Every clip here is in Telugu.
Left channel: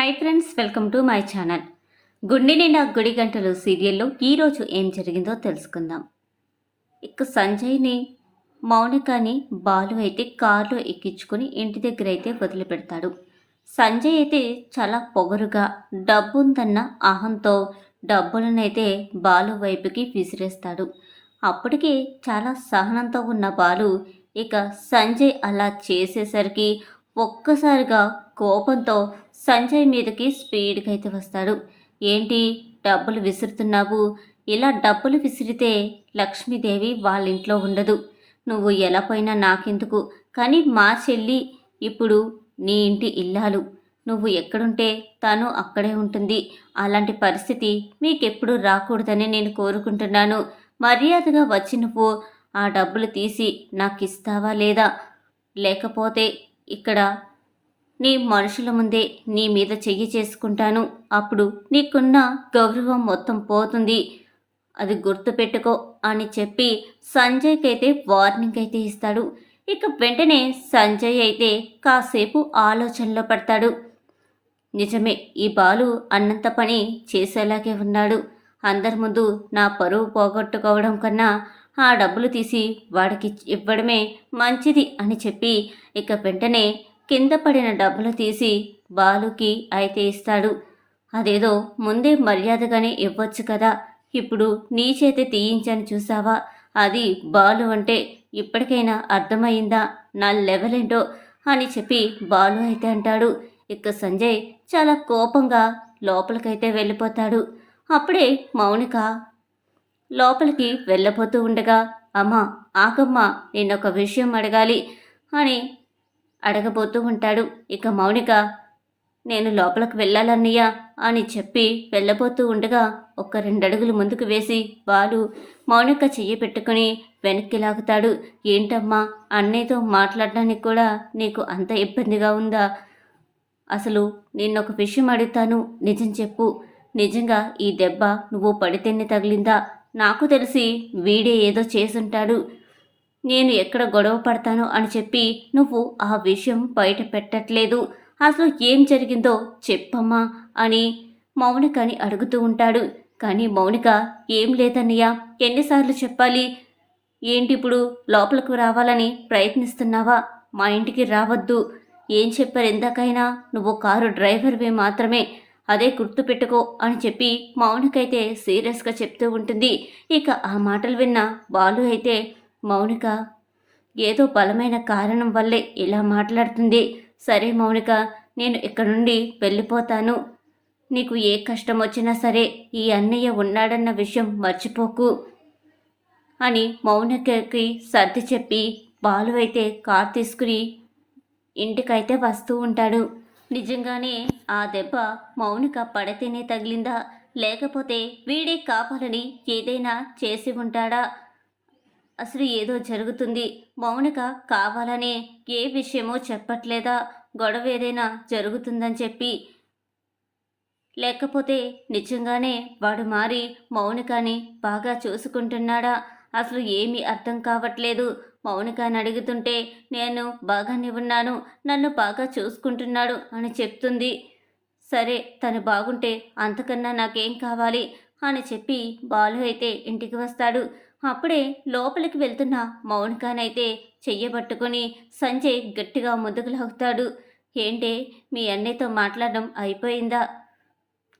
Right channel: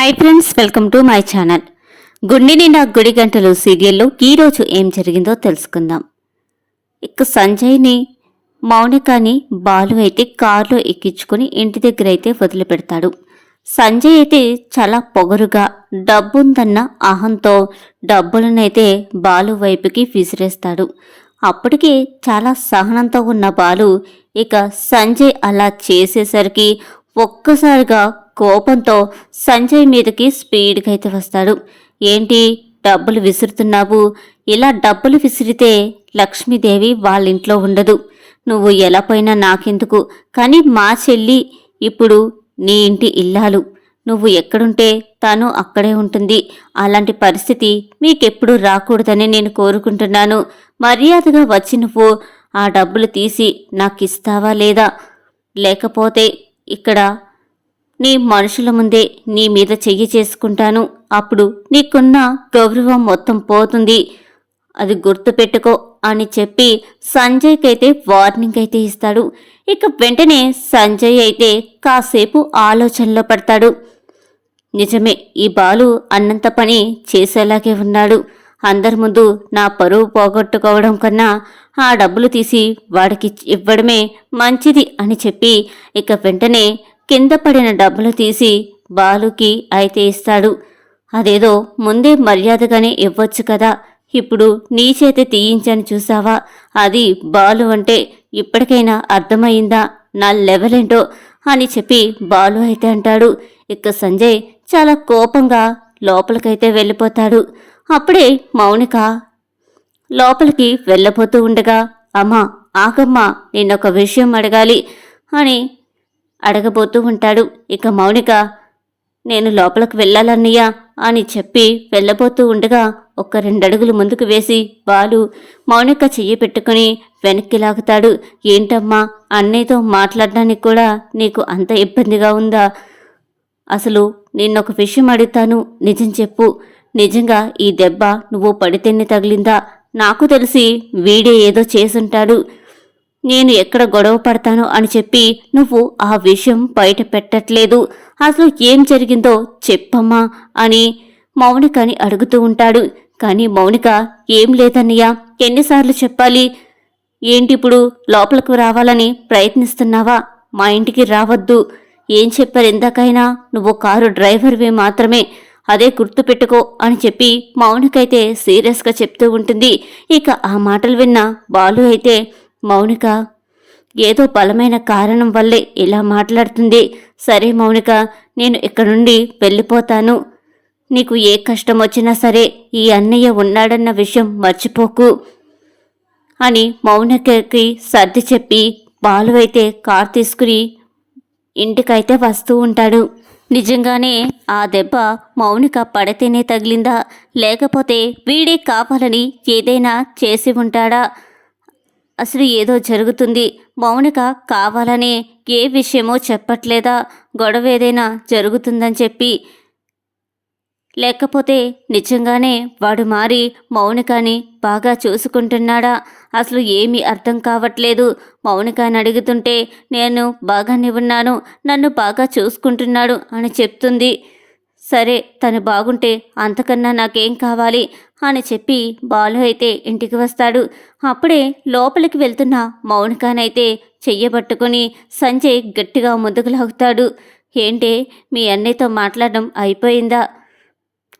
Hi friends welcome to my channel గుండె నిండా గుడి గంటలు సీరియల్లో ఈరోజు ఏం జరిగిందో తెలుసుకుందాం. ఇక సంజయ్ని మౌనికాని బాలు అయితే కారులో ఎక్కించుకుని ఇంటి దగ్గర అయితే వదిలిపెడతాడు. సంజయ్ అయితే చాలా పొగరుగా డబ్బుందన్న అహంతో డబ్బులనైతే బాలు వైపుకి విసిరేస్తాడు. అప్పటికే చాలా సహనంతో ఉన్న బాలు ఇక సంజయ్ అలా చేసేసరికి ఒక్కసారిగా కోపంతో సంజయ్ మీదకి స్పీడ్గా అయితే వస్తాడు. ఏంటి డబ్బులు విసురుతున్నావు? ఇలా డబ్బులు విసిరితే లక్ష్మీదేవి వాళ్ళ ఇంట్లో ఉండదు. నువ్వు ఎలా పోయినా నాకెందుకు? కానీ మా చెల్లి ఇప్పుడు నీ ఇంటి ఇల్లాలు. నువ్వు ఎక్కడుంటే తను అక్కడే ఉంటుంది. అలాంటి పరిస్థితి మీకెప్పుడు రాకూడదని నేను కోరుకుంటున్నాను. మర్యాదగా వచ్చి నువ్వు ఆ డబ్బులు తీసి నాకు ఇస్తావా లేదా? లేకపోతే ఇక్కడ నీ మనుషుల ముందే నీ మీద చెయ్యి చేసుకుంటాను. అప్పుడు నీకున్న గౌరవం మొత్తం పోతుంది. అది గుర్తుపెట్టుకో అని చెప్పి సంజయ్కి అయితే వార్నింగ్ అయితే ఇస్తాడు. ఇక వెంటనే సంజయ్ అయితే కాసేపు ఆలోచనలో పడతాడు. నిజమే ఈ బాలు అన్నంత పని చేసేలాగే ఉన్నాడు. అందరి ముందు నా పరువు పోగొట్టుకోవడం కన్నా ఆ డబ్బులు తీసి వాడికి ఇవ్వడమే మంచిది అని చెప్పి ఇక వెంటనే కింద పడిన డబ్బులు తీసి బాలుకి అయితే ఇస్తాడు. అదేదో ముందే మర్యాదగానే ఇవ్వచ్చు కదా. ఇప్పుడు నీ చేత తీయించని చూసావా? అది బాలు అంటే ఇప్పటికైనా అర్థమయ్యిందా? నా లెవెల్ ఏంటో అని చెప్పి బాలు అయితే అంటాడు. ఇక సంజయ్ చాలా కోపంగా లోపలికైతే వెళ్ళిపోతాడు. అప్పుడే మౌనిక లోపలికి వెళ్ళబోతూ ఉండగా అమ్మా ఆగమ్మా ఒక విషయం అడగాలి అని అడగబోతూ ఉంటాడు. ఇక మౌనిక నేను లోపలికి వెళ్ళాలన్నయ్యా అని చెప్పి వెళ్ళబోతూ ఉండగా ఒక రెండడుగులు ముందుకు వేసి బాలు మౌనిక చెయ్యి పెట్టుకుని వెనక్కి లాగుతాడు. ఏంటమ్మా అన్నయ్యతో మాట్లాడడానికి కూడా నీకు అంత ఇబ్బందిగా ఉందా? అసలు నిన్నొక విషయం అడుగుతాను. నిజం చెప్పు. నిజంగా ఈ దెబ్బ నువ్వు పడితేనే తగిలిందా? నాకు తెలిసి వీడే ఏదో చేసుంటాడు. నేను ఎక్కడ గొడవ పడతాను అని చెప్పి నువ్వు ఆ విషయం బయట పెట్టట్లేదు. అసలు ఏం జరిగిందో చెప్పమ్మా అని మౌనికని అడుగుతూ ఉంటాడు. కానీ మౌనిక ఏం లేదన్నయ్య ఎన్నిసార్లు చెప్పాలి? ఏంటిప్పుడు లోపలకు రావాలని ప్రయత్నిస్తున్నావా? మా ఇంటికి రావద్దు. ఏం చెప్పారు ఎందాకైనా నువ్వు కారు డ్రైవర్వి మాత్రమే. అదే గుర్తుపెట్టుకో అని చెప్పి మౌనికైతే సీరియస్గా చెప్తూ ఉంటుంది. ఇక ఆ మాటలు విన్న బాలు అయితే మౌనిక. ఏదో బలమైన కారణం వల్లే ఇలా మాట్లాడుతుంది. సరే మౌనిక నేను ఇక్కడ నుండి వెళ్ళిపోతాను. నీకు ఏ కష్టం వచ్చినా సరే ఈ అన్నయ్య ఉన్నాడన్న విషయం మర్చిపోకు అని మౌనికకి సర్ది చెప్పి బాలు అయితే కార్ తీసుకుని ఇంటికైతే వస్తూ ఉంటాడు. నిజంగానే ఆ దెబ్బ మౌనిక పడితేనే తగిలిందా? లేకపోతే వీడే కావాలని ఏదైనా చేసి ఉంటాడా? అసలు ఏదో జరుగుతుంది. మౌనిక కావాలని ఏ విషయమో చెప్పట్లేదా? గొడవ ఏదైనా జరుగుతుందని చెప్పి. లేకపోతే నిజంగానే వాడు మారి మౌనికాని బాగా చూసుకుంటున్నాడా? అసలు ఏమీ అర్థం కావట్లేదు. మౌనికాని అడుగుతుంటే నేను బాగానే ఉన్నాను. నన్ను బాగా చూసుకుంటున్నాడు అని చెప్తుంది. సరే తను బాగుంటే అంతకన్నా నాకేం కావాలి? అని చెప్పి బాలు అయితే ఇంటికి వస్తాడు. అప్పుడే లోపలికి వెళ్తున్న మౌనికానైతే చెయ్యబట్టుకుని సంజయ్ గట్టిగా ముందుకు లాగుతాడు. ఏంటే మీ అన్నయ్యతో మాట్లాడడం అయిపోయిందా?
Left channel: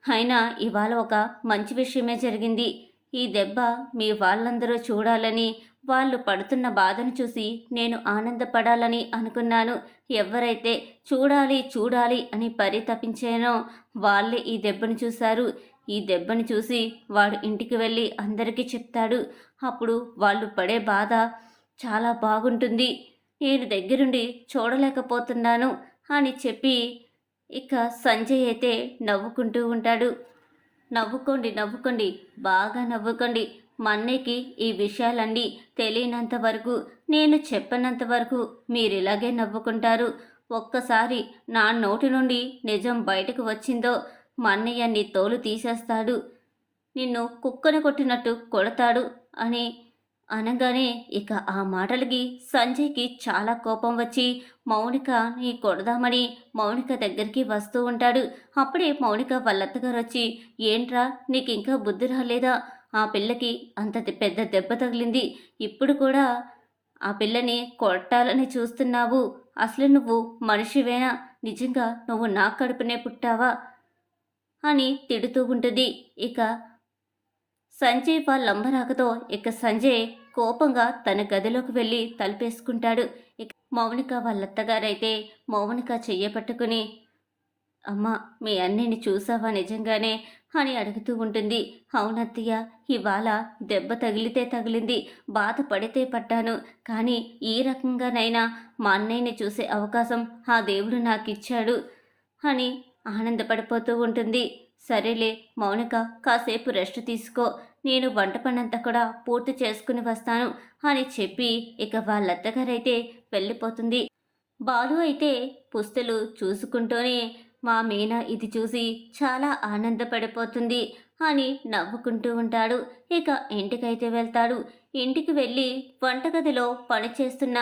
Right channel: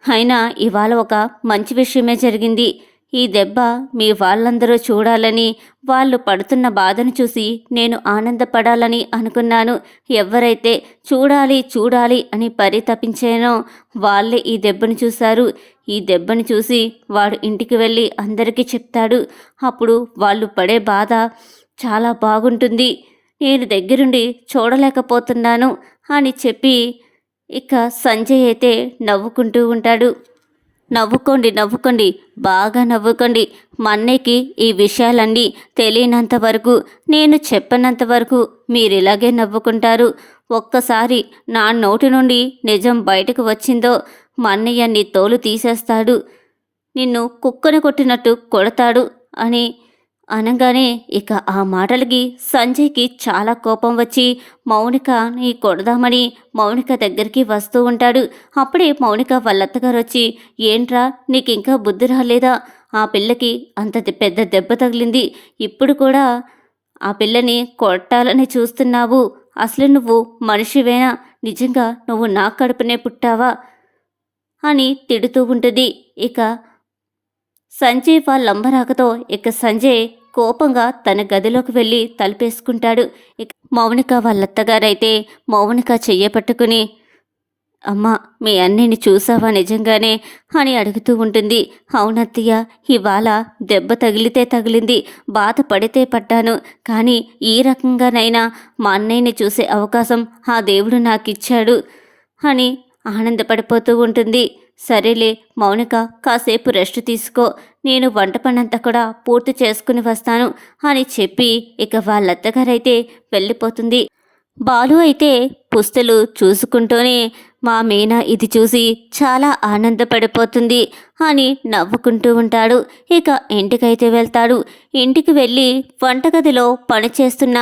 అయినా ఇవాళ ఒక మంచి విషయమే జరిగింది. ఈ దెబ్బ మీ వాళ్ళందరూ చూడాలని వాళ్ళు పడుతున్న బాధను చూసి నేను ఆనందపడాలని అనుకున్నాను. ఎవరైతే చూడాలి చూడాలి అని పరితపించానో వాళ్ళే ఈ దెబ్బను చూశారు. ఈ దెబ్బను చూసి వాడు ఇంటికి వెళ్ళి అందరికీ చెప్తాడు. అప్పుడు వాళ్ళు పడే బాధ చాలా బాగుంటుంది. నేను దగ్గరుండి చూడలేకపోతున్నాను అని చెప్పి ఇక సంజయ్ అయితే నవ్వుకుంటూ ఉంటాడు. నవ్వుకోండి నవ్వుకోండి. బాగా నవ్వుకోండి. మా అన్నయ్యకి ఈ విషయాలన్నీ తెలియనంత వరకు నేను చెప్పనంత వరకు మీరు ఇలాగే నవ్వుకుంటారు. ఒక్కసారి నా నోటి నుండి నిజం బయటకు వచ్చిందో మా నీ తోలు తీసేస్తాడు. నిన్ను కుక్కను కొట్టినట్టు కొడతాడు అని అనగానే ఇక ఆ మాటలకి సంజయ్కి చాలా కోపం వచ్చి మౌనికని కొడదామని మౌనిక దగ్గరికి వస్తూ ఉంటాడు. అప్పుడే మౌనిక వాళ్ళత్తగారు వచ్చి ఏంట్రా నీకు ఇంకా బుద్ధి రాలేదా? ఆ పిల్లకి అంత పెద్ద దెబ్బ తగిలింది. ఇప్పుడు కూడా ఆ పిల్లని కొట్టాలని చూస్తున్నావు. అసలు నువ్వు మనిషివేనా? నిజంగా నువ్వు నా కడుపునే పుట్టావా? అని తిడుతూ ఉంటుంది. ఇక సంజయ్ వాళ్ళంబరాకతో ఇక సంజయ్ కోపంగా తన గదిలోకి వెళ్ళి తలుపేసుకుంటాడు. ఇక మౌనిక వాళ్ళత్తగారైతే మౌనిక చెయ్యపట్టుకుని అమ్మా మీ అన్నిని చూసావా నిజంగానే? అని అడుగుతూ ఉంటుంది. అవునత్తయ్య ఇవాళ దెబ్బ తగిలితే తగిలింది బాధ పడితే పడ్డాను. కానీ ఈ రకంగానైనా మా అన్నయ్యని చూసే అవకాశం ఆ దేవుడు నాకిచ్చాడు అని ఆనందపడిపోతూ ఉంటుంది. సరేలే మౌనిక కాసేపు రెస్ట్ తీసుకో. నేను వంట పనంతా కూడా పూర్తి చేసుకుని వస్తాను అని చెప్పి ఇక వాళ్ళత్తగారైతే వెళ్ళిపోతుంది. బాలు అయితే పుస్తలు చూసుకుంటూనే మా మీనా ఇది చూసి చాలా ఆనందపడిపోతుంది అని నవ్వుకుంటూ ఉంటాడు. ఇక ఇంటికైతే వెళ్తాడు. ఇంటికి వెళ్ళి వంటగదిలో పనిచేస్తున్న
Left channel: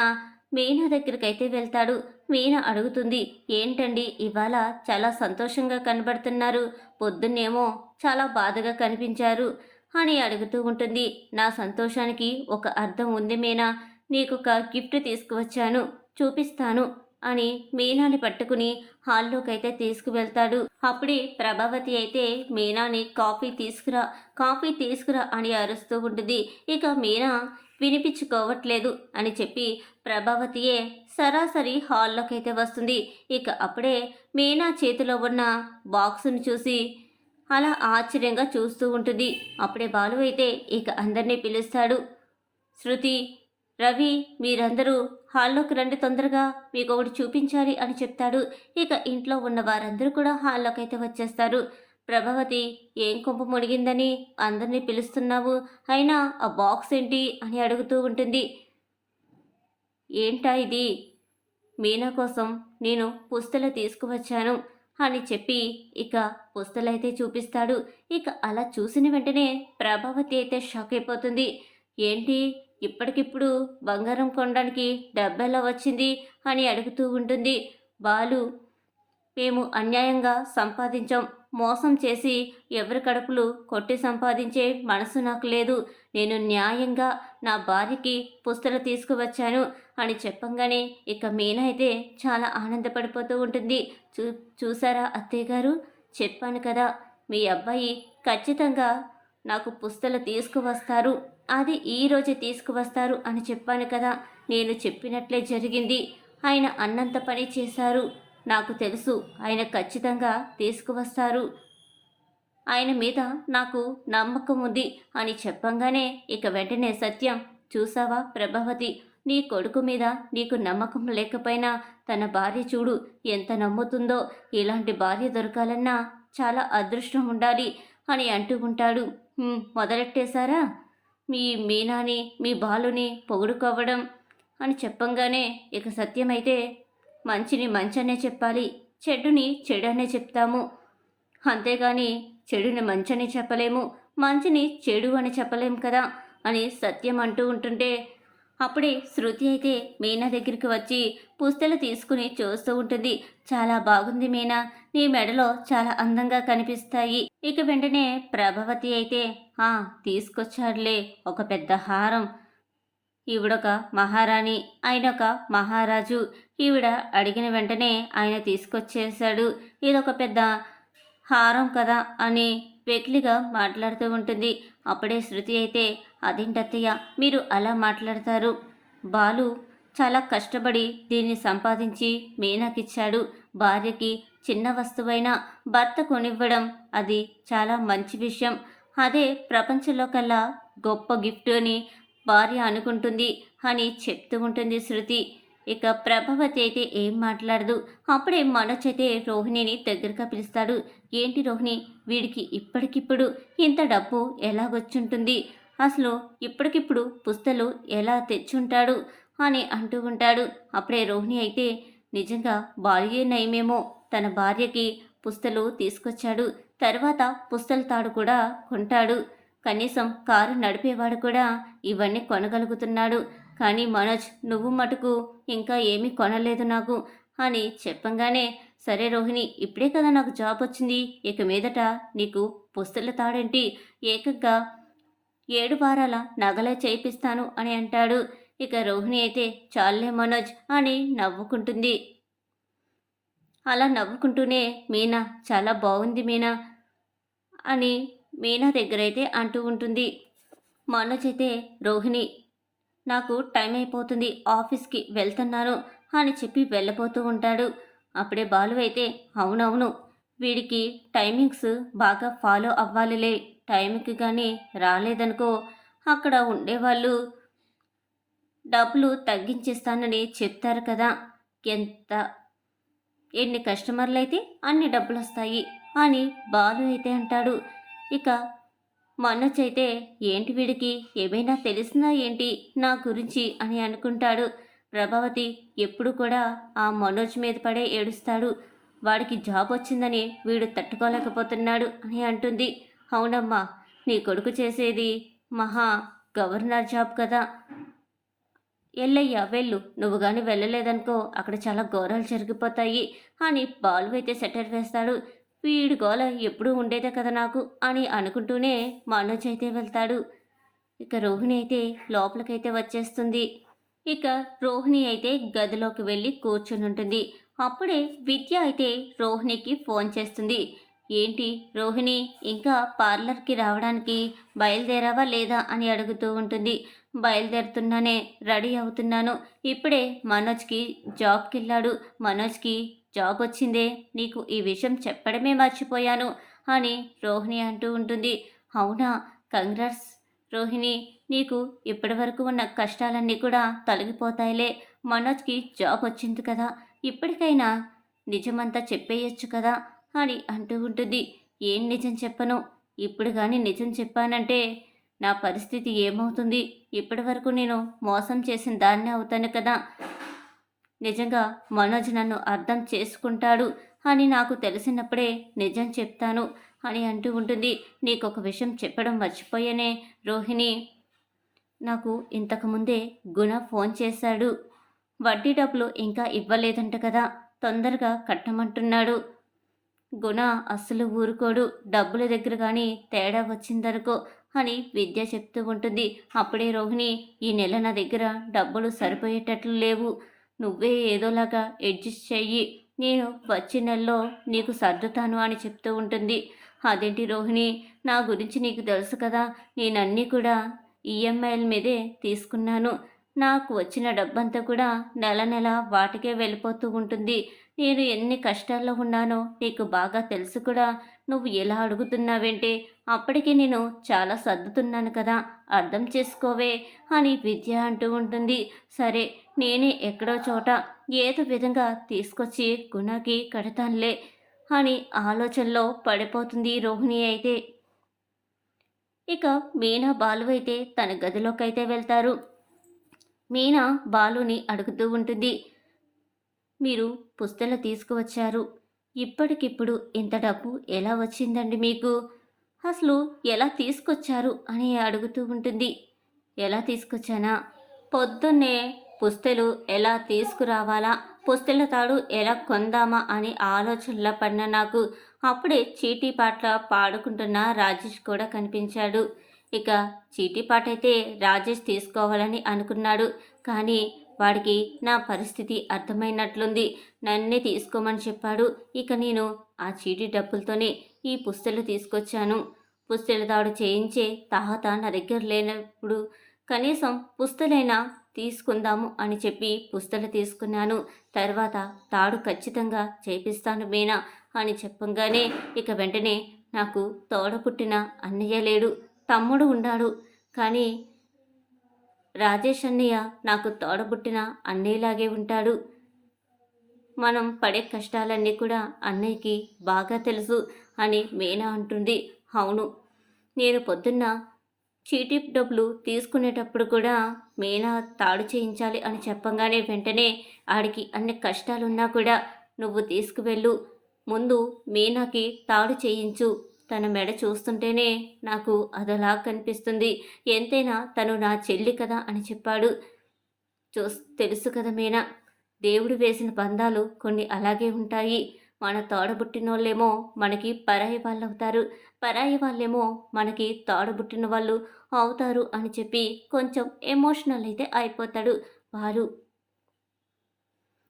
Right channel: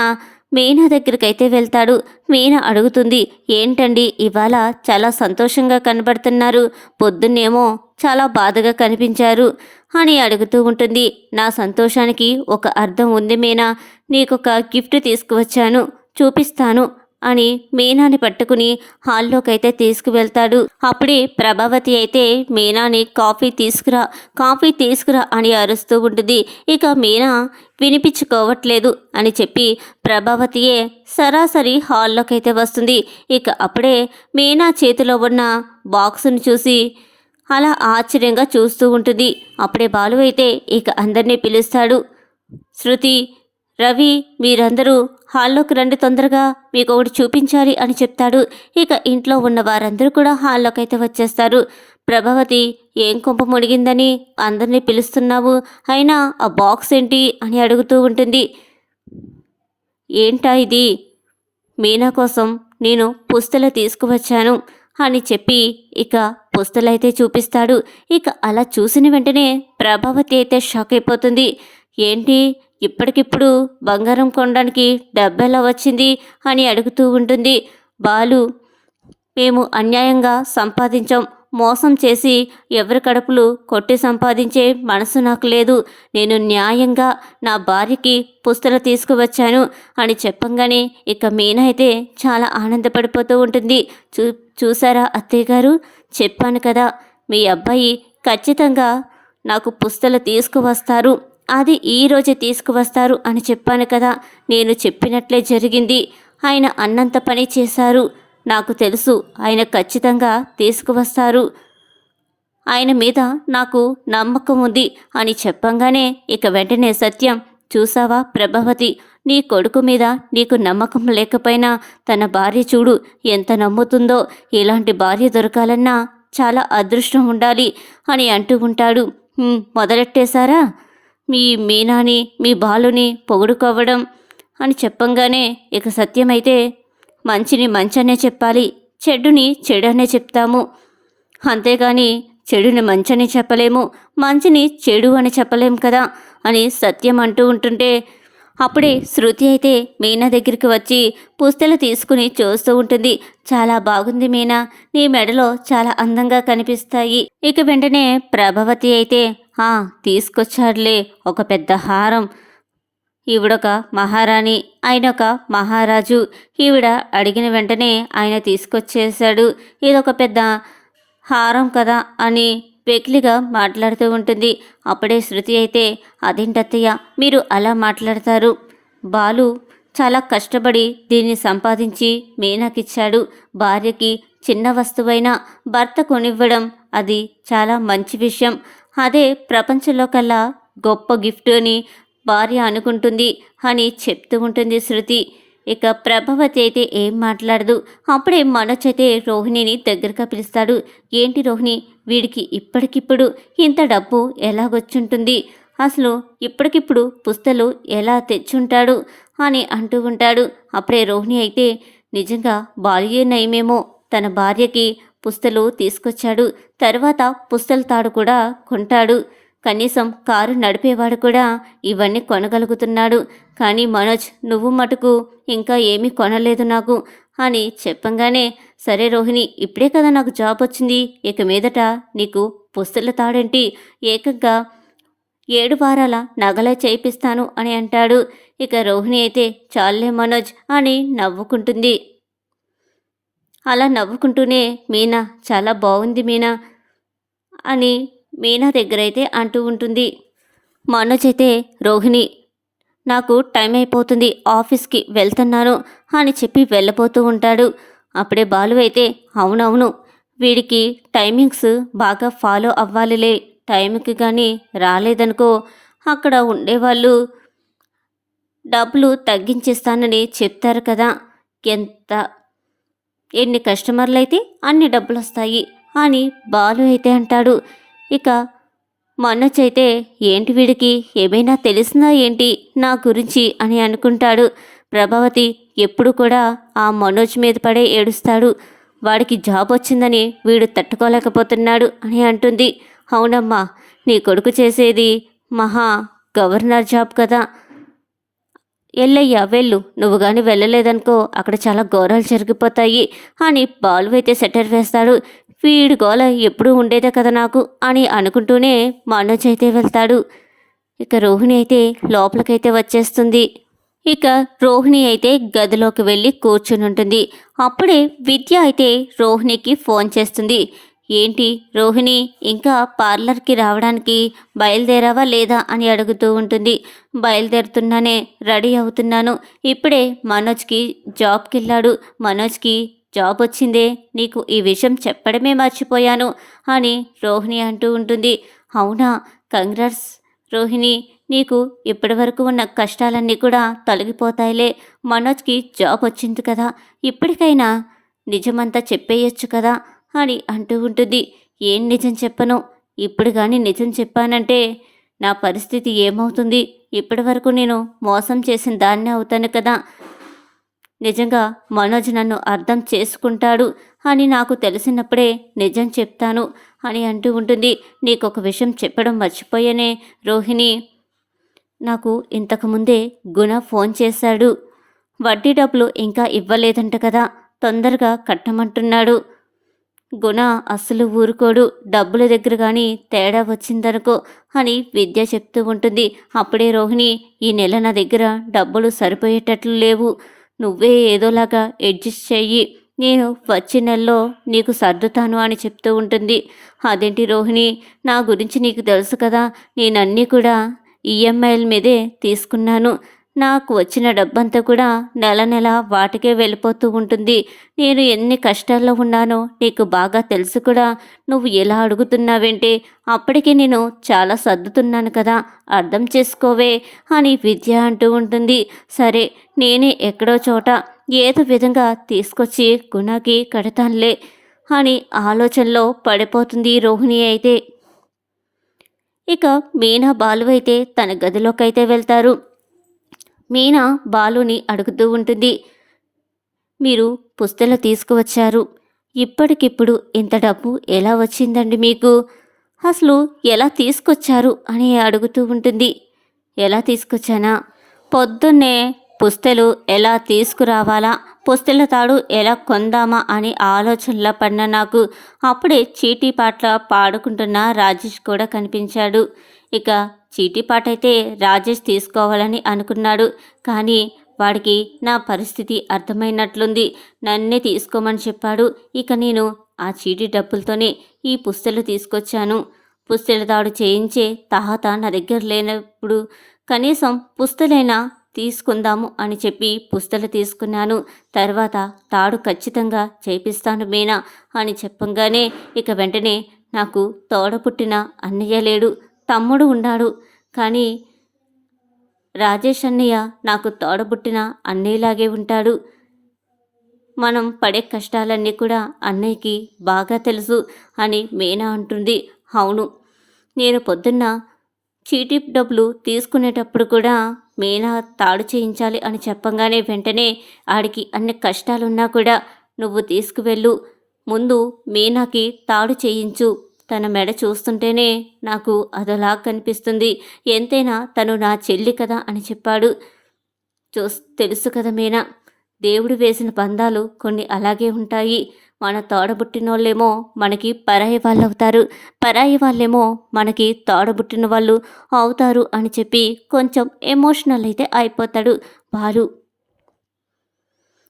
మీనా దగ్గరికైతే వెళ్తాడు. మీనా అడుగుతుంది ఏంటండి ఇవాళ చాలా సంతోషంగా కనబడుతున్నారు. పొద్దున్నేమో చాలా బాధగా కనిపించారు అని అడుగుతూ ఉంటుంది. నా సంతోషానికి ఒక అర్థం ఉంది మీనా. నీకొక గిఫ్ట్ తీసుకువచ్చాను. చూపిస్తాను అని మీనాని పట్టుకుని హాల్లోకైతే తీసుకువెళ్తాడు. అప్పుడే ప్రభావతి అయితే మీనాని కాఫీ తీసుకురా కాఫీ తీసుకురా అని అరుస్తూ ఉంటుంది. ఇక మీనా వినిపించుకోవట్లేదు అని చెప్పి ప్రభావతియే సరాసరి హాల్లోకైతే వస్తుంది. ఇక అప్పుడే మీనా చేతిలో ఉన్న బాక్సును చూసి అలా ఆశ్చర్యంగా చూస్తూ ఉంటుంది. అప్పుడే బాలు అయితే ఇక అందరినీ పిలుస్తాడు. శృతి రవి మీరందరూ హాల్లోకి రండి తొందరగా మీకు ఒకటి చూపించాలి అని చెప్తాడు. ఇక ఇంట్లో ఉన్న వారందరూ కూడా హాల్లోకి అయితే వచ్చేస్తారు. ప్రభావతి ఏం కుంప ముడిగిందని అందరినీ పిలుస్తున్నావు? అయినా ఆ బాక్స్ ఏంటి? అని అడుగుతూ ఉంటుంది. ఏంటా ఇది? మీనా కోసం నేను పుస్తలు తీసుకువచ్చాను అని చెప్పి ఇక పుస్తలైతే చూపిస్తాడు. ఇక అలా చూసిన వెంటనే ప్రభావతి అయితే షాక్ అయిపోతుంది. ఏంటి? ఇప్పటికిప్పుడు బంగారం కొనడానికి డబ్బెలా వచ్చింది అని అడుగుతూ ఉంటుంది. బాలు మేము అన్యాయంగా సంపాదించాం. మోసం చేసి ఎవరి కడుపులు కొట్టి సంపాదించే మనసు నాకు లేదు. నేను న్యాయంగా నా భార్యకి పుస్తలు తీసుకువచ్చాను అని చెప్పంగానే ఇక మీనైతే అయితే చాలా ఆనందపడిపోతూ ఉంటుంది. చూ చూసారా అత్తయ్య గారు? చెప్పాను కదా మీ అబ్బాయి ఖచ్చితంగా నాకు పుస్తలు తీసుకువస్తారు. అది ఈ రోజే తీసుకువస్తారు అని చెప్పాను కదా. నేను చెప్పినట్లే జరిగింది. ఆయన అన్నంత పని చేశారు. నాకు తెలుసు ఆయన ఖచ్చితంగా తీసుకువస్తారు. ఆయన మీద నాకు నమ్మకం ఉంది అని చెప్పంగానే ఇక వెంటనే సత్యం చూసావా ప్రభావతి నీ కొడుకు మీద నీకు నమ్మకం లేకపోయినా తన భార్య చూడు ఎంత నమ్ముతుందో. ఇలాంటి భార్య దొరకాలన్నా చాలా అదృష్టం ఉండాలి అని అంటూ ఉంటాడు. మొదలెట్టేశారా? మీ మీనాని మీ బాలుని పొగుడుకోవడం అని చెప్పంగానే ఇక సత్యమైతే మంచిని మంచనే చెప్పాలి చెడుని చెడనే చెప్తాము. అంతేగాని చెడుని మంచని చెప్పలేము మంచిని చెడు అని చెప్పలేం కదా అని సత్యం అంటూ ఉంటుంటే అప్పుడే శృతి అయితే మీనా దగ్గరికి వచ్చి పుస్తలు తీసుకుని చూస్తూ ఉంటుంది. చాలా బాగుంది మీనా. నీ మెడలో చాలా అందంగా కనిపిస్తాయి. ఇక వెంటనే ప్రభావతి అయితే ఆ తీసుకొచ్చాడులే. ఒక పెద్ద హారం. ఈవిడొక మహారాణి. ఆయన ఒక మహారాజు. ఈవిడ అడిగిన వెంటనే ఆయన తీసుకొచ్చేసాడు ఇదొక పెద్ద హారం కదా అని వెకిలిగా మాట్లాడుతూ ఉంటుంది. అప్పుడే శృతి అయితే అదేంటత్తయ్య మీరు అలా మాట్లాడతారు? బాలు చాలా కష్టపడి దీన్ని సంపాదించి మీనాకిచ్చాడు. భార్యకి చిన్న వస్తువైన భర్త కొనివ్వడం అది చాలా మంచి విషయం. అదే ప్రపంచంలో కల్లా గొప్ప గిఫ్ట్ అని భార్య అనుకుంటుంది అని చెప్తూ ఉంటుంది శృతి. ఇక ప్రభావతి అయితే ఏం మాట్లాడదు. అప్పుడే మనోజ్ అయితే రోహిణిని దగ్గరగా పిలుస్తాడు. ఏంటి రోహిణి? వీడికి ఇప్పటికిప్పుడు ఇంత డబ్బు ఎలాగొచ్చుంటుంది? అసలు ఇప్పటికిప్పుడు పుస్తలు ఎలా తెచ్చుంటాడు? అని అంటూ ఉంటాడు. అప్పుడే రోహిణి అయితే నిజంగా బాల్యే నయమేమో. తన భార్యకి పుస్తలు తీసుకొచ్చాడు. తర్వాత పుస్తల తాడు కూడా కొంటాడు. కనీసం కారు నడిపేవాడు కూడా ఇవన్నీ కొనగలుగుతున్నాడు. కానీ మనోజ్ నువ్వు మటుకు ఇంకా ఏమీ కొనలేదు నాకు అని చెప్పంగానే సరే రోహిణి ఇప్పుడే కదా నాకు జాబ్ వచ్చింది. ఇక మీదట నీకు పుస్తల తాడేంటి? ఏకంగా ఏడు వారాల నగలే చేయిస్తాను అని అంటాడు. ఇక రోహిణి అయితే చాలే మనోజ్ అని నవ్వుకుంటుంది. అలా నవ్వుకుంటూనే మీనా చాలా బాగుంది మీనా అని మీనా దగ్గర అయితే అంటూ ఉంటుంది. మనోజ్ అయితే రోహిణి నాకు టైం అయిపోతుంది ఆఫీస్కి వెళ్తున్నాను అని చెప్పి వెళ్ళబోతూ ఉంటాడు. అప్పుడే బాలు అయితే అవునవును వీడికి టైమింగ్స్ బాగా ఫాలో అవ్వాలిలే టైంకి కానీ రాలేదనుకో అక్కడ ఉండేవాళ్ళు డబ్బులు తగ్గించేస్తానని చెప్తారు కదా ఎంత ఎన్ని కస్టమర్లు అయితే అన్ని డబ్బులు వస్తాయి అని బాలు అయితే అంటాడు. ఇక మనోజ్ అయితే ఏంటి వీడికి? ఏమైనా తెలిసినా ఏంటి నా గురించి అని అనుకుంటాడు. ప్రభావతి ఎప్పుడు కూడా ఆ మనోజ్ మీద పడే ఏడుస్తాడు. వాడికి జాబ్ వచ్చిందని వీడు తట్టుకోలేకపోతున్నాడు అని అంటుంది. అవునమ్మా నీ కొడుకు చేసేది మహా గవర్నర్ జాబ్ కదా. ఎల్లయ్యా వెళ్ళు. నువ్వు కానీ వెళ్ళలేదనుకో అక్కడ చాలా ఘోరాలు జరిగిపోతాయి అని బాలు అయితే సెటర్ వేస్తాడు. వీడి గోల ఎప్పుడూ ఉండేదే కదా నాకు అని అనుకుంటూనే మనోజ్ అయితే వెళ్తాడు. ఇక రోహిణి అయితే లోపలికైతే వచ్చేస్తుంది. ఇక రోహిణి అయితే గదిలోకి వెళ్ళి కూర్చుని ఉంటుంది. అప్పుడే విద్య అయితే రోహిణికి ఫోన్ చేస్తుంది. ఏంటి రోహిణి ఇంకా పార్లర్కి రావడానికి బయలుదేరావా లేదా అని అడుగుతూ ఉంటుంది. బయలుదేరుతున్నానే రెడీ అవుతున్నాను. ఇప్పుడే మనోజ్కి జాబ్కి వెళ్ళాడు మనోజ్కి జాబ్ వచ్చిందే నీకు ఈ విషయం చెప్పడమే మర్చిపోయాను అని రోహిణి అంటూ ఉంటుంది. అవునా? కంగ్రాట్స్. రోహిణి నీకు ఇప్పటివరకు ఉన్న కష్టాలన్నీ కూడా తొలగిపోతాయిలే. మనోజ్కి జాబ్ వచ్చింది కదా. ఇప్పటికైనా నిజమంతా చెప్పేయచ్చు కదా అని అంటూ ఉంటుంది. ఏం నిజం చెప్పను? ఇప్పుడు కానీ నిజం చెప్పానంటే నా పరిస్థితి ఏమవుతుంది? ఇప్పటివరకు నేను మోసం చేసిన దాన్ని అవుతాను కదా. నిజంగా మనోజ్ నన్ను అర్థం చేసుకుంటాడు అని నాకు తెలిసినప్పుడే నిజం చెప్తాను అని అంటూ ఉంటుంది. నీకు ఒక విషయం చెప్పడం మర్చిపోయానే రోహిణి. నాకు ఇంతకుముందే గుణ ఫోన్ చేశాడు. వడ్డీ డబ్బులు ఇంకా ఇవ్వలేదంట కదా తొందరగా కట్టమంటున్నాడు. గుణ అస్సలు ఊరుకోడు డబ్బుల దగ్గర కానీ తేడా వచ్చిందనుకో అని విద్య చెప్తూ ఉంటుంది. అప్పుడే రోహిణి ఈ నెల నా దగ్గర డబ్బులు సరిపోయేటట్లు లేవు. నువ్వే ఏదోలాగా అడ్జస్ట్ చెయ్యి. నేను వచ్చే నెలలో నీకు సర్దుతాను అని చెప్తూ ఉంటుంది. అదేంటి రోహిణి? నా గురించి నీకు తెలుసు కదా. నేనన్నీ కూడా ఈఎంఐల మీదే తీసుకున్నాను. నాకు వచ్చిన డబ్బంతా కూడా నెల నెల వాటికే వెళ్ళిపోతూ ఉంటుంది. నేను ఎన్ని కష్టాల్లో ఉన్నానో నీకు బాగా తెలుసు కూడా. నువ్వు ఎలా అడుగుతున్నావేంటి అప్పటికే నేను చాలా సర్దుతున్నాను కదా అర్థం చేసుకోవే అని విద్య అంటూ ఉంటుంది. సరే నేనే ఎక్కడో చోట ఏదో విధంగా తీసుకొచ్చి గుణాకి కడతానులే అని ఆలోచనలో పడిపోతుంది రోహిణి అయితే. ఇక మీనా బాలు అయితే తన గదిలోకైతే వెళ్తారు. మీనా బాలుని అడుగుతూ ఉంటుంది. మీరు పుస్తలు తీసుకువచ్చారు. ఇప్పటికిప్పుడు ఇంత డబ్బు ఎలా వచ్చిందండి మీకు? అసలు ఎలా తీసుకొచ్చారు అని అడుగుతూ ఉంటుంది. ఎలా తీసుకొచ్చానా? పొద్దున్నే పుస్తలు ఎలా తీసుకురావాలా? పుస్తల తాడు ఎలా కొందామా అని ఆలోచనలో పడిన నాకు అప్పుడే చీటీ పాటల పాడుకుంటున్న రాజేష్ కూడా కనిపించాడు. ఇక చీటీ రాజేష్ తీసుకోవాలని అనుకున్నాడు. కానీ వాడికి నా పరిస్థితి అర్థమైనట్లుంది. నన్నే తీసుకోమని చెప్పాడు. ఇక నేను ఆ చీటీ డబ్బులతోనే ఈ పుస్తలు తీసుకొచ్చాను. పుస్తల దాడు చేయించే తాహత నా దగ్గర లేనప్పుడు కనీసం పుస్తలైనా తీసుకుందాము అని చెప్పి పుస్తలు తీసుకున్నాను. తర్వాత తాడు ఖచ్చితంగా చేపిస్తాను మీనా అని చెప్పంగానే ఇక వెంటనే నాకు తోడ పుట్టిన అన్నయ్య లేడు. తమ్ముడు ఉన్నాడు. కానీ రాజేష్ అన్నయ్య నాకు తోడబుట్టిన అన్నయ్యలాగే ఉంటాడు. మనం పడే కష్టాలన్నీ కూడా అన్నయ్యకి బాగా తెలుసు అని మీనా అంటుంది. అవును. నేను పొద్దున్న చీటీ డబ్బులు తీసుకునేటప్పుడు కూడా మీనా తాడు చేయించాలి అని చెప్పంగానే వెంటనే ఆడికి అన్ని కష్టాలున్నా కూడా నువ్వు తీసుకువెళ్ళు. ముందు మీనాకి తాడు చేయించు. తన మెడ చూస్తుంటేనే నాకు అదోలా కనిపిస్తుంది. ఎంతైనా తను నా చెల్లి కదా అని చెప్పాడు. చూస్ తెలుసు కదా మీనా. దేవుడు వేసిన బంధాలు కొన్ని అలాగే ఉంటాయి. మన తోడబుట్టినోళ్ళేమో మనకి పరాయి వాళ్ళు అవుతారు పరాయి వాళ్ళేమో మనకి తోడబుట్టిన వాళ్ళు అవుతారు అని చెప్పి కొంచెం ఎమోషనల్ అయితే అయిపోతాడు బాలు.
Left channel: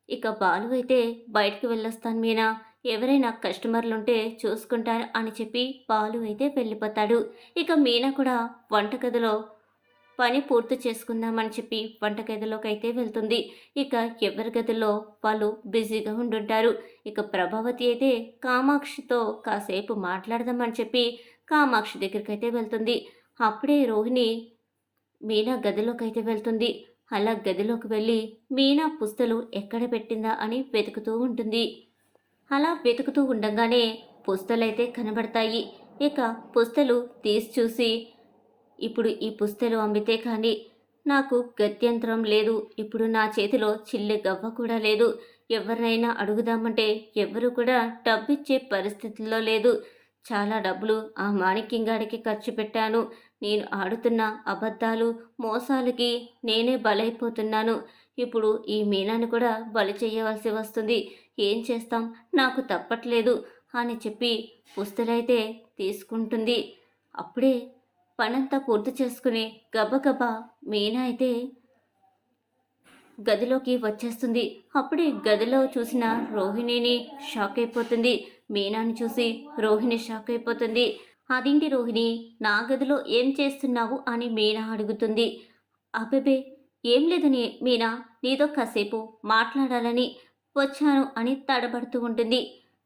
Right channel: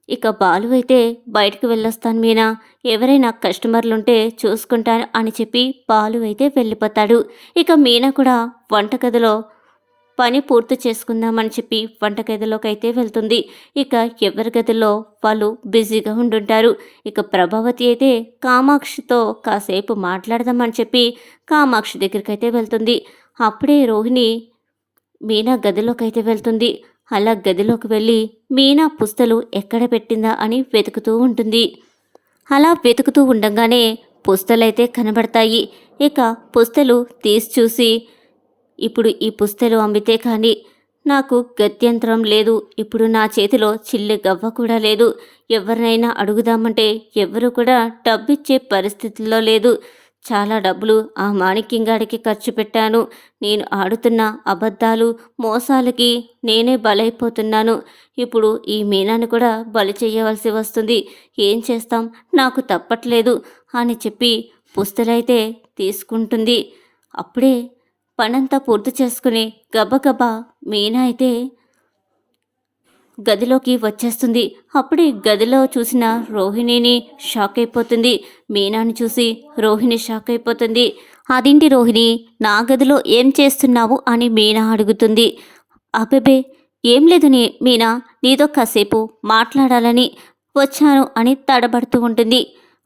ఇక బాలు అయితే బయటకు వెళ్ళొస్తాను మీనా. ఎవరైనా కస్టమర్లు ఉంటే చూసుకుంటాను అని చెప్పి బాలు అయితే వెళ్ళిపోతాడు. ఇక మీనా కూడా వంటగదిలో పని పూర్తి చేసుకుందామని చెప్పి వంటగదిలోకి అయితే వెళ్తుంది. ఇక ఎవరి గదిలో వాళ్ళు బిజీగా ఉండుంటారు. ఇక ప్రభావతి అయితే కామాక్షితో కాసేపు మాట్లాడదామని చెప్పి కామాక్షి దగ్గరికి అయితే వెళ్తుంది. అప్పుడే రోహిణి మీనా గదిలోకి అయితే వెళ్తుంది. అలా గదిలోకి వెళ్ళి మీనా పుస్తలు ఎక్కడ పెట్టిందా? అని వెతుకుతూ ఉంటుంది. అలా వెతుకుతూ ఉండగానే పుస్తలైతే కనబడతాయి. ఇక పుస్తలు తీసి చూసి ఇప్పుడు ఈ పుస్తలు అమ్మితే కానీ నాకు గత్యంతరం లేదు. ఇప్పుడు నా చేతిలో చిల్లి గవ్వ కూడా లేదు. ఎవరినైనా అడుగుదామంటే ఎవరు కూడా డబ్బిచ్చే పరిస్థితుల్లో లేదు. చాలా డబ్బులు ఆ మాణిక్యంగాడికి ఖర్చు పెట్టాను. నేను ఆడుతున్న అబద్ధాలు మోసాలకి నేనే బలైపోతున్నాను. ఇప్పుడు ఈ మీనాను కూడా బలి చేయవలసి వస్తుంది. ఏం చేస్తాం? నాకు తప్పట్లేదు అని చెప్పి పుస్తలైతే తీసుకుంటుంది. అప్పుడే పనంతా పూర్తి చేసుకుని గబగబా మీనా అయితే గదిలోకి వచ్చేస్తుంది. అప్పుడే గదిలో చూసిన రోహిణిని షాక్ అయిపోతుంది. మీనాని చూసి రోహిణి షాక్ అయిపోతుంది. అదింటి రోహిణి నా గదిలో ఏం చేస్తున్నావు? అని మీనా అడుగుతుంది. అబెబే ఏం లేదు నీ మీనా నీతో కాసేపు మాట్లాడాలని వచ్చాను అని తడబడుతూ ఉంటుంది.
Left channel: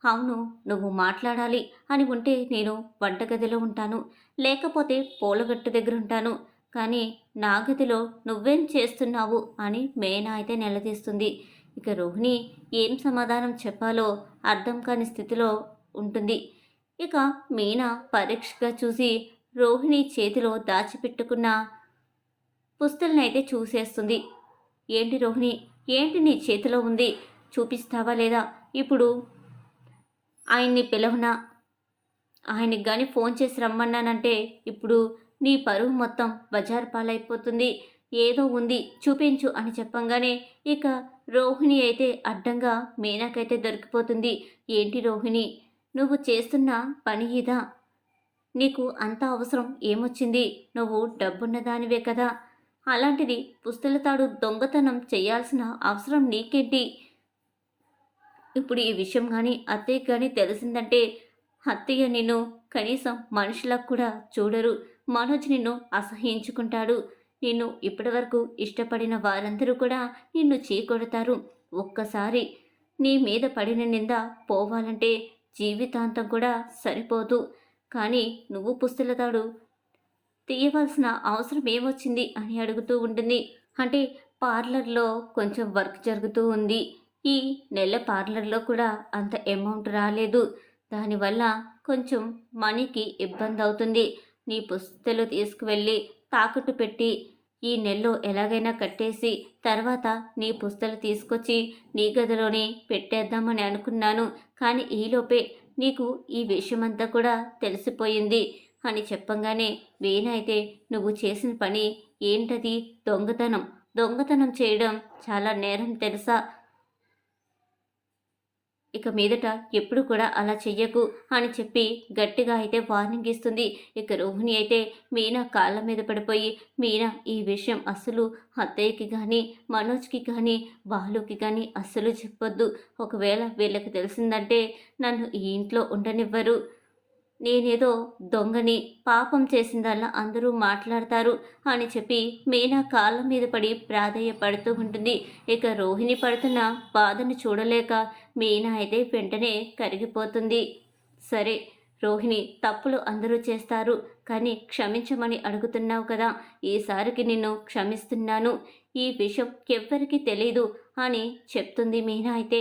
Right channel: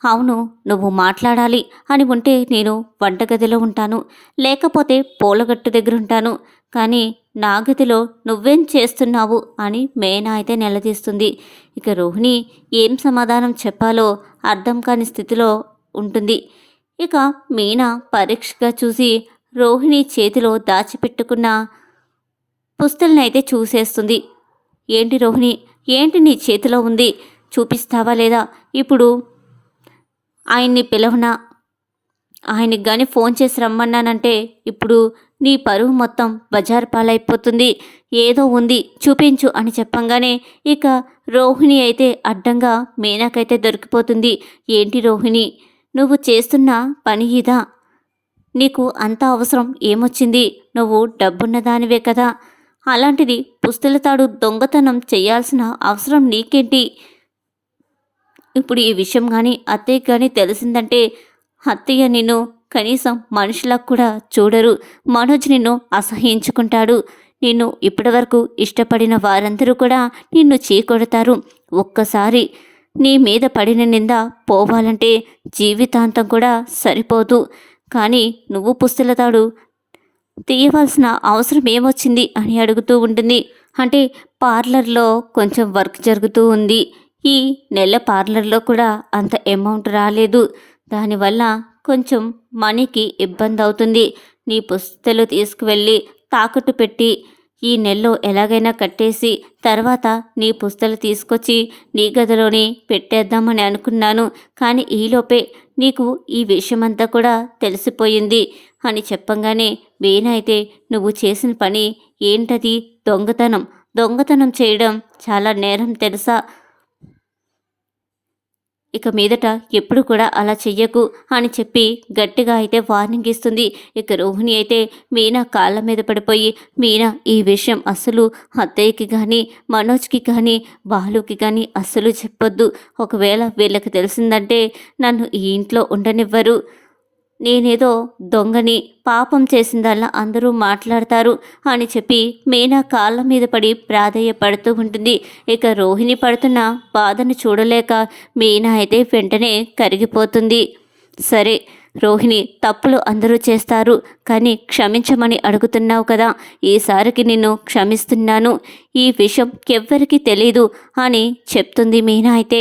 అవును నువ్వు మాట్లాడాలి అని ఉంటే నేను వంటగదిలో ఉంటాను. లేకపోతే పూలగట్టు దగ్గర ఉంటాను కానీ నా గదిలో నువ్వేం చేస్తున్నావు? అని మేనా అయితే నిలదీస్తుంది. ఇక రోహిణి ఏం సమాధానం చెప్పాలో అర్థం కాని స్థితిలో ఉంటుంది. ఇక మీనా పరీక్షగా చూసి రోహిణి చేతిలో దాచిపెట్టుకున్న పుస్తల్ని చూసేస్తుంది. ఏంటి రోహిణి? ఏంటి నీ చేతిలో ఉంది? చూపిస్తావా లేదా? ఇప్పుడు ఆయన్ని పిలవనా? ఆయనకి కానీ ఫోన్ చేసి రమ్మన్నానంటే ఇప్పుడు నీ పరువు మొత్తం బజార్ పాలైపోతుంది. ఏదో ఉంది చూపించు అని చెప్పంగానే ఇక రోహిణి అయితే అడ్డంగా మీనాకైతే దొరికిపోతుంది. ఏంటి రోహిణి? నువ్వు చేస్తున్న పని ఇదా? నీకు అంత అవసరం ఏమొచ్చింది? నువ్వు డబ్బున్న దానివే కదా? అలాంటిది పుస్తలతాడు దొంగతనం చేయాల్సిన అవసరం నీకేంటి? ఇప్పుడు ఈ విషయం కానీ అత్తయ్య కానీ తెలిసిందంటే అత్తయ్య నిన్ను కనీసం మనుషులకు కూడా చూడరు. మనోజ్ నిన్ను అసహించుకుంటాడు నిన్ను ఇప్పటివరకు ఇష్టపడిన వారందరూ కూడా నిన్ను చీకొడతారు. ఒక్కసారి నీ మీద పడిన నింద పోవాలంటే జీవితాంతం కూడా సరిపోదు. కానీ నువ్వు పుస్తలతాడు. తీయవలసిన అవసరం ఏమొచ్చింది అని అడుగుతూ ఉంటుంది. అంటే పార్లర్లో కొంచెం వర్క్ జరుగుతూ ఉంది. ఈ నెల పార్లర్లో కూడా అంత అమౌంట్ రాలేదు. దానివల్ల కొంచెం మనీకి ఇబ్బంది అవుతుంది నీ పుస్తలు తీసుకువెళ్ళి తాకట్టు పెట్టి ఈ నెలలో ఎలాగైనా కట్టేసి తర్వాత నీ పుస్తలు తీసుకొచ్చి నీ గదిలోని పెట్టేద్దామని అనుకున్నాను. కానీ ఈలోపే నీకు ఈ విషయమంతా కూడా తెలిసిపోయింది అని చెప్పంగానే వేనైతే నువ్వు చేసిన పని ఏంటది? దొంగతనం. దొంగతనం చేయడం చాలా నేరం తెలుసా? ఇక మీదట ఎప్పుడు కూడా అలా చెయ్యకు అని చెప్పి గట్టిగా అయితే వార్నింగ్ ఇస్తుంది. ఇక రోహిణి అయితే మీనా కాళ్ళ మీద పడిపోయి మీనా ఈ విషయం అసలు అత్తయ్యకి కానీ మనోజ్కి కానీ బాలుకి కానీ అస్సలు చెప్పొద్దు. ఒకవేళ వీళ్ళకి తెలిసిందంటే నన్ను ఈ ఇంట్లో ఉండనివ్వరు. నేనేదో దొంగని పాపం చేసిందల్లా అందరూ మాట్లాడతారు అని చెప్పి మీనా కాళ్ళ మీద పడి ప్రాధేయపడుతూ ఉంటుంది. ఇక రోహిణి పడుతున్న బాధను చూడలేక మీనా అయితే వెంటనే కరిగిపోతుంది. సరే రోహిణి తప్పులు అందరూ చేస్తారు కానీ క్షమించమని అడుగుతున్నావు కదా. ఈసారికి నిన్ను క్షమిస్తున్నాను. ఈ విషయం ఎవ్వరికీ తెలీదు అని చెప్తుంది మీనా అయితే.